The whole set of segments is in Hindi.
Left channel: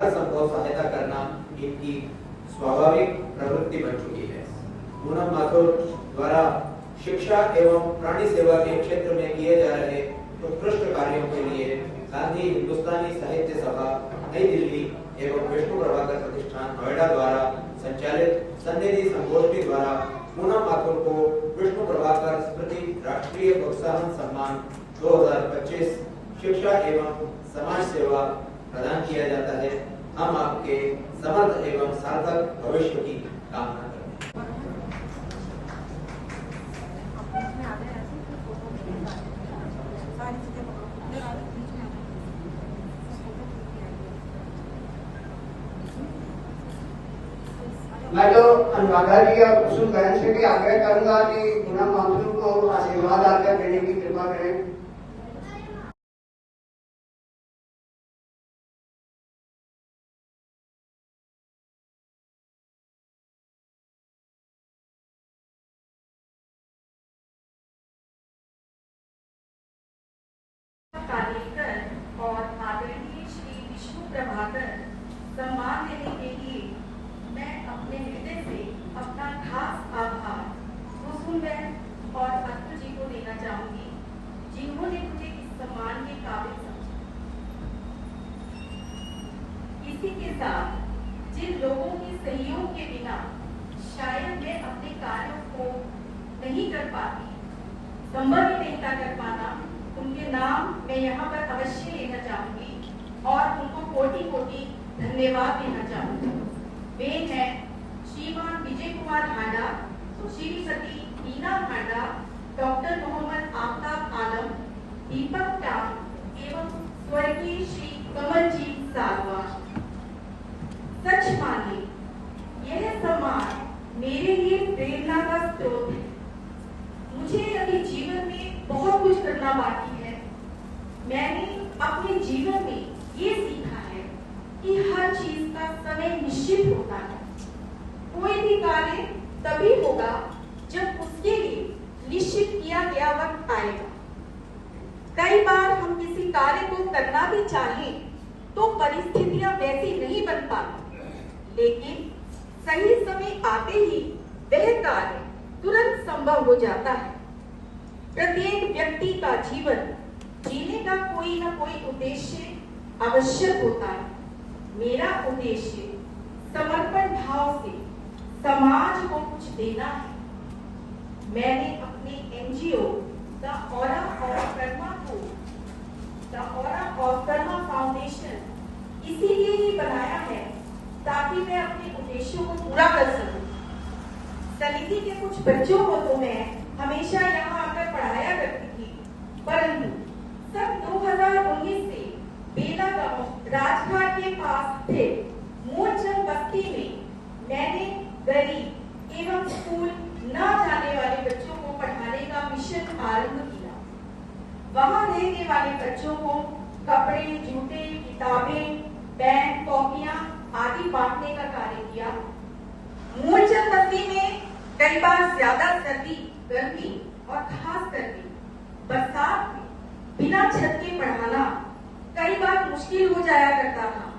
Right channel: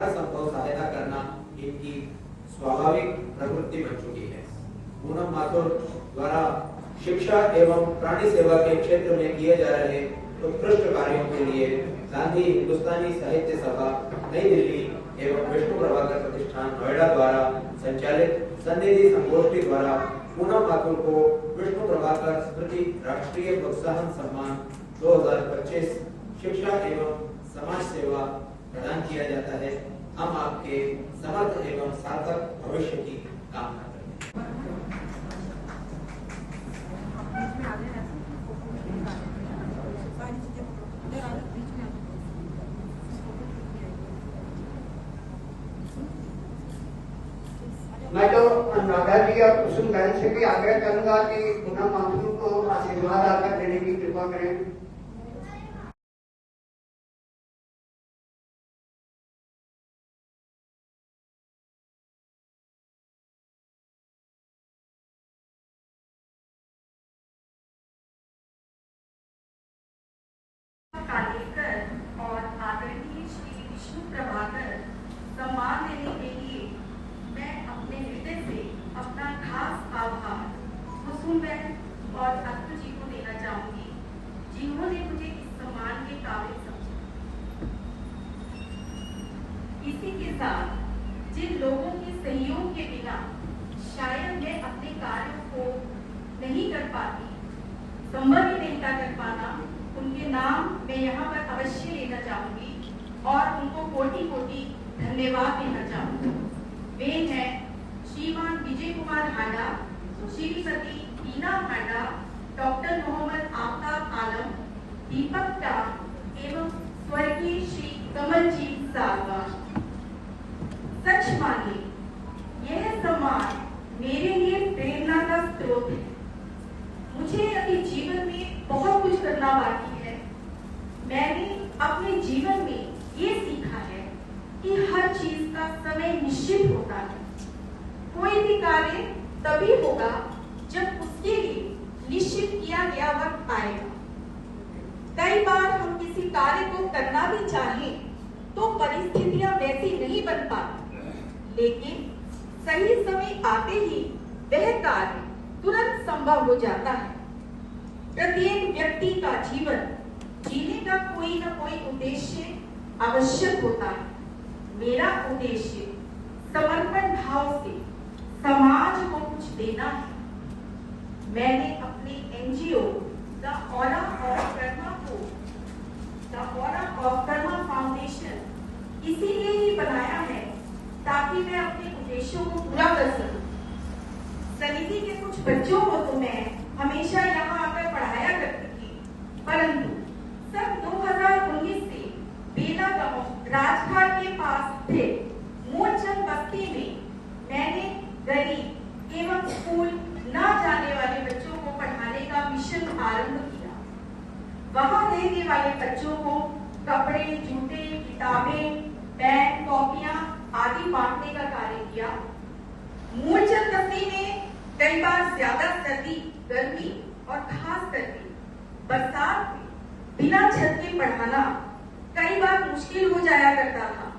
संभव सहायता करना इनकी स्वाभाविक प्रवृत्ति बन चुकी है। पूनम माथुर द्वारा शिक्षा एवं प्राणी सेवा के क्षेत्र में किए जा रहे उत्कृष्ट कार्यों के लिए गांधी हिंदुस्तानी साहित्य सभा नई दिल्ली एवं विष्णु प्रभाकर प्रतिष्ठान नोएडा द्वारा संचालित सन्निधि संगोष्ठी द्वारा पूनम माथुर को विष्णु प्रभाकर स्मृति राष्ट्रीय प्रोत्साहन सम्मान 2025 शिक्षा एवं समाज सेवा प्रदान किया जाता है। हम आपके समर्थ एवं सार्थक भविष्य की कामना करते हैं। मैं तो अनुराधा जी और कुसुम बहन से भी आग्रह करूंगा कि पूनम माथुर को आशीर्वाद आकर देने की कृपा करें। और आदरणीय श्री विष्णु प्रभाकर सम्मान लेने के लिए मैं अपने हृदय से अपना खास आभार कुसुम बहन और अस्तु जी को देना चाहूंगी, जिन्होंने मुझे इस सम्मान के काबिल समझा। इसी के साथ जिन लोगों के सहयोग के बिना शायद मैं अपने कार्यों को नहीं कर पाती, संभव ही नहीं था कर पाना, उनके नाम मैं यहाँ पर अवश्य लेना चाहूंगी और उनको कोटि कोटि धन्यवाद देना चाहूंगी। वे हैं श्रीमान विजय कुमार हांडा, श्रीमती हीना हांडा, डॉक्टर मोहम्मद आफ्ताब आलम, दीपक टाम एवं स्वर्गीय श्री कमलजीत सालवान। सच मानिए यह सम्मान मेरे लिए प्रेरणा का स्रोत है। मुझे अपने जीवन में बहुत कुछ करना बाकी है। मैंने अपने जीवन में ये सीखा है कि हर चीज का समय निश्चित होता है। कोई भी कार्य तभी होगा जब उसके लिए निश्चित किया गया वक्त आएगा। कई बार हम किसी कार्य को करना भी चाहें तो परिस्थितियां वैसी नहीं बन पाती, लेकिन सही समय आते ही वह कार्य तुरंत संभव हो जाता है। प्रत्येक व्यक्ति का जीवन जीने का कोई ना कोई उद्देश्य आवश्यक होता है। मेरा उद्देश्य समर्पण भाव से समाज को कुछ देना है। मैंने अपने NGO the aura of Karma foundation इसीलिए ही बनाया है ताकि मैं अपने उद्देश्यों को पूरा कर सकूं। समिति के कुछ बच्चों को तो मैं हमेशा यहाँ आकर पढ़ाया करती थी, परंतु सन 2019 से बेला गांव राजघाट के पास स्थित मूलचंद बस्ती में मैंने गरीब एवं स्कूल न जाने वाले बच्चों को पढ़ाने का मिशन आरंभ किया। वहां रहने वाले बच्चों को कपड़े, जूते, किताबें, पेन, कॉपियां आदि बांटने का कार्य किया। मूलचंद बस्ती में कई बार ज्यादा सर्दी, गर्मी और खास करके बरसात में बिना छत के पढ़ाना कई बार मुश्किल हो जाया करता था।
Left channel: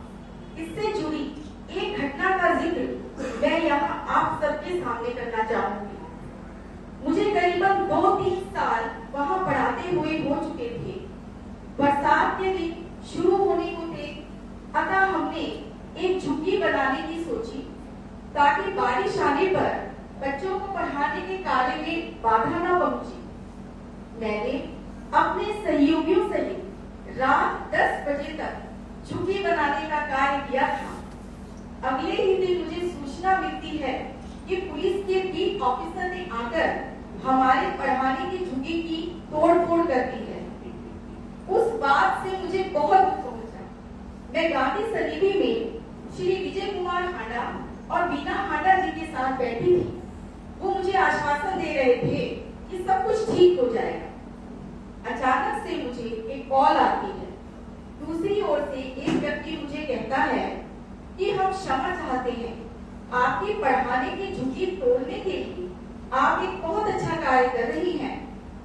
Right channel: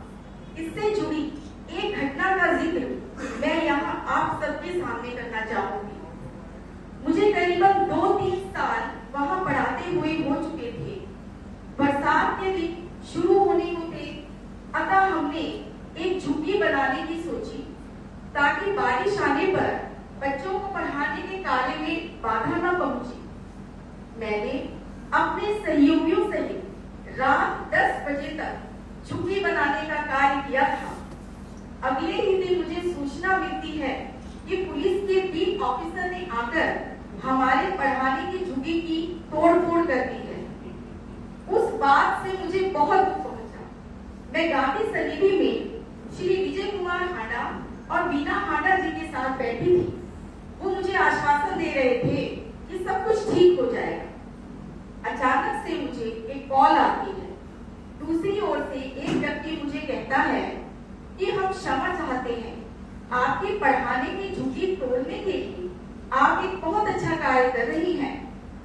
इससे जुड़ी एक घटना का जिक्र मैं यहाँ आप सबके सामने करना चाहूंगी। मुझे करीबन 2-3 साल वहाँ पढ़ाते हुए हो चुके थे। बरसात के दिन शुरू होने को थे, अतः हमने एक झुग्गी बनाने की सोची ताकि बारिश आने पर बच्चों को पढ़ाने के कार्य में बाधा न पहुंचे। मैंने अपने सहयोगियों सहित रात 10 बजे तक झुग्गी बनाने का कार्य किया था। अगले ही दिन मुझे सूचना मिलती है कि पुलिस के बीट ऑफिसर ने आकर हमारे पढ़ाने की झुग्गी की तोड़-फोड़ कर दी है। उस बात से मुझे बहुत दुख पहुंचा। मैं गांधी सन्निधि में श्री विजय कुमार हांडा और वीना हांडा जी के साथ बैठी थी। वो मुझे आश्वासन दे रहे थे कि सब कुछ ठीक हो जाएगा। अचानक से मुझे एक कॉल आती है। दूसरी ओर से एक व्यक्ति मुझे कहता है कि हम क्षमा चाहते हैं, आपके पढ़ाने की झुग्गी तोड़ने के लिए आप एक बहुत अच्छा कार्य कर रही हैं।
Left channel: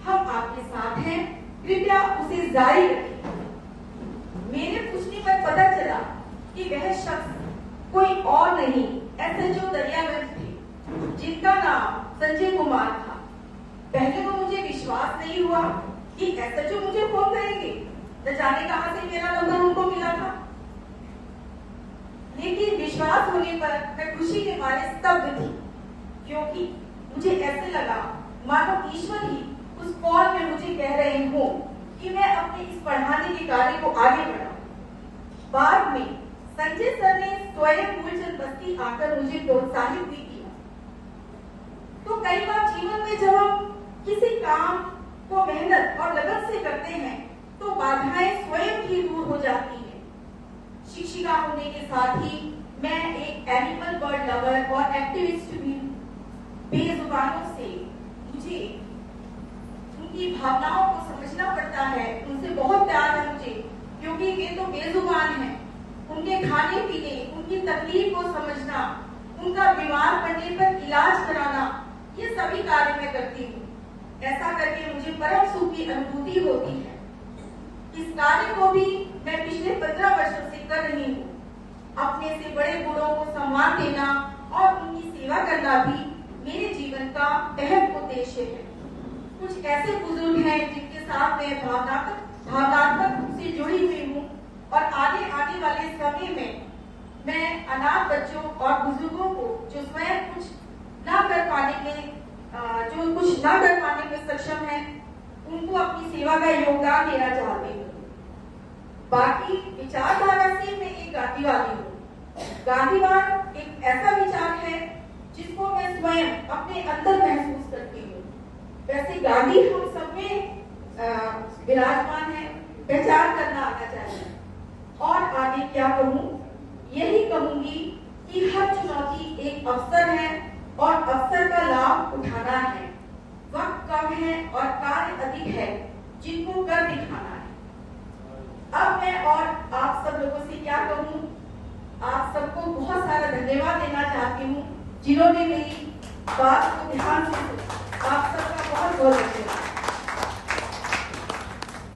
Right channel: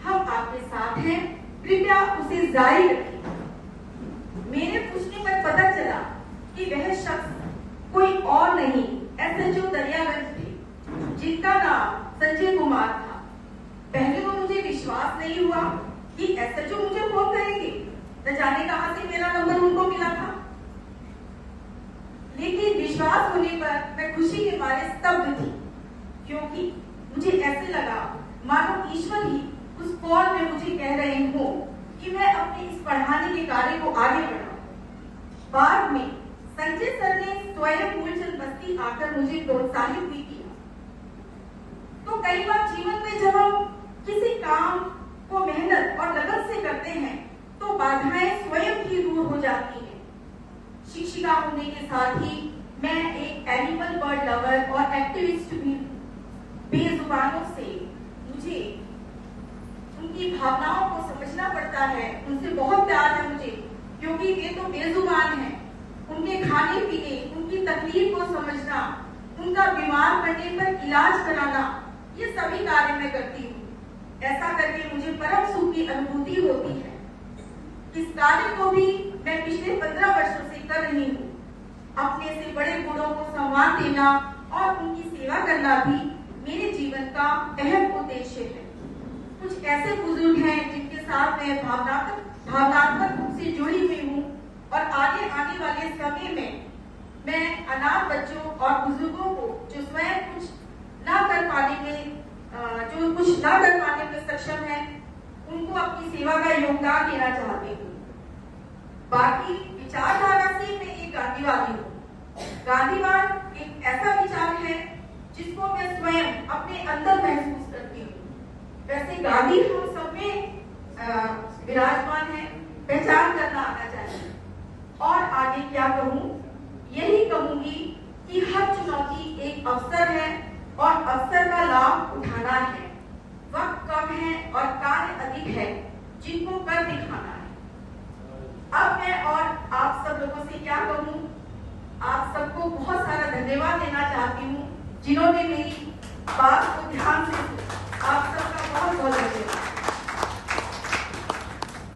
हम आपके साथ हैं, कृपया उसे जारी रखें। मेरे पूछने पर पता चला कि वह शख्स कोई और नहीं एसएचओ दरियागंज थे, जिनका नाम संजय कुमार था। पहले तो मुझे विश्वास नहीं हुआ कि एसएचओ मुझे फोन करेंगे, न जाने कहां से मेरा नंबर उनको मिला था। लेकिन विश्वास होने पर मैं खुशी के मारे स्तब्ध थी, क्योंकि मुझे ऐसे लगा मानो ईश्वर ही उस कॉल में मुझे कह रहे हो कि मैं अपने इस पढ़ाने के कार्य को आगे बढ़ाऊं। बाद में संजय सर ने स्वयं मूलचंद बस्ती आकर मुझे प्रोत्साहित भी किया। तो कई बार जीवन में जब हम किसी काम को मेहनत और लगन से करते हैं तो बाधाएं स्वयं ही दूर हो जाती हैं। शिक्षिका होने के साथ ही मैं एक एनिमल बर्ड लवर और एक्टिविस्ट भी हूँ। बेजुबानों से मुझे उनकी भावनाओं को समझना पड़ता है, उनसे बहुत प्यार है मुझे, क्योंकि वे तो बेजुबान हैं। उनके खाने पीने, उनकी तकलीफ को समझना, उनका बीमार पड़ने पर इलाज कराना, ये सभी कार्य मैं करती हूँ। ऐसा करके मुझे परम सुख की अनुभूति होती है। इस कार्य को भी मैं पिछले 15 वर्षों से कर रही हूँ। अपने से बड़े बूढ़ों को सम्मान देना और उनकी सेवा करना भी मेरे जीवन का अहम उद्देश्य है। कुछ ऐसे बुजुर्ग हैं जिनके साथ मैं भावनात्मक रूप से जुड़ी हुई हूँ और आने वाले समय में मैं अनाथ बच्चों और बुजुर्गों को जो स्वयं कुछ न कर पाने में सक्षम है, उनको अपनी सेवा का योगदान देना चाहती हूँ। बाकी विचारधारा से मैं एक गांधीवादी हूँ। गांधीवाद एक ऐसा विचार है जिसको मैं स्वयं अपने अंदर महसूस करती हूँ। वैसे गांधी हम सब में विराजमान है, पहचान करना आना चाहिए। और आगे क्या कहूँ, यही कहूंगी कि हर चुनौती एक अवसर है और अवसर का लाभ उठाना है। वक्त कम है और कार्य अधिक है, जिनको कर दिखाना है। अब मैं और आप सब लोगों से क्या कहूँ, आप सबको बहुत सारा धन्यवाद देना चाहती हूँ जिन्होंने मेरी बात को ध्यान से सुना। आप सबका बहुत बहुत धन्यवाद।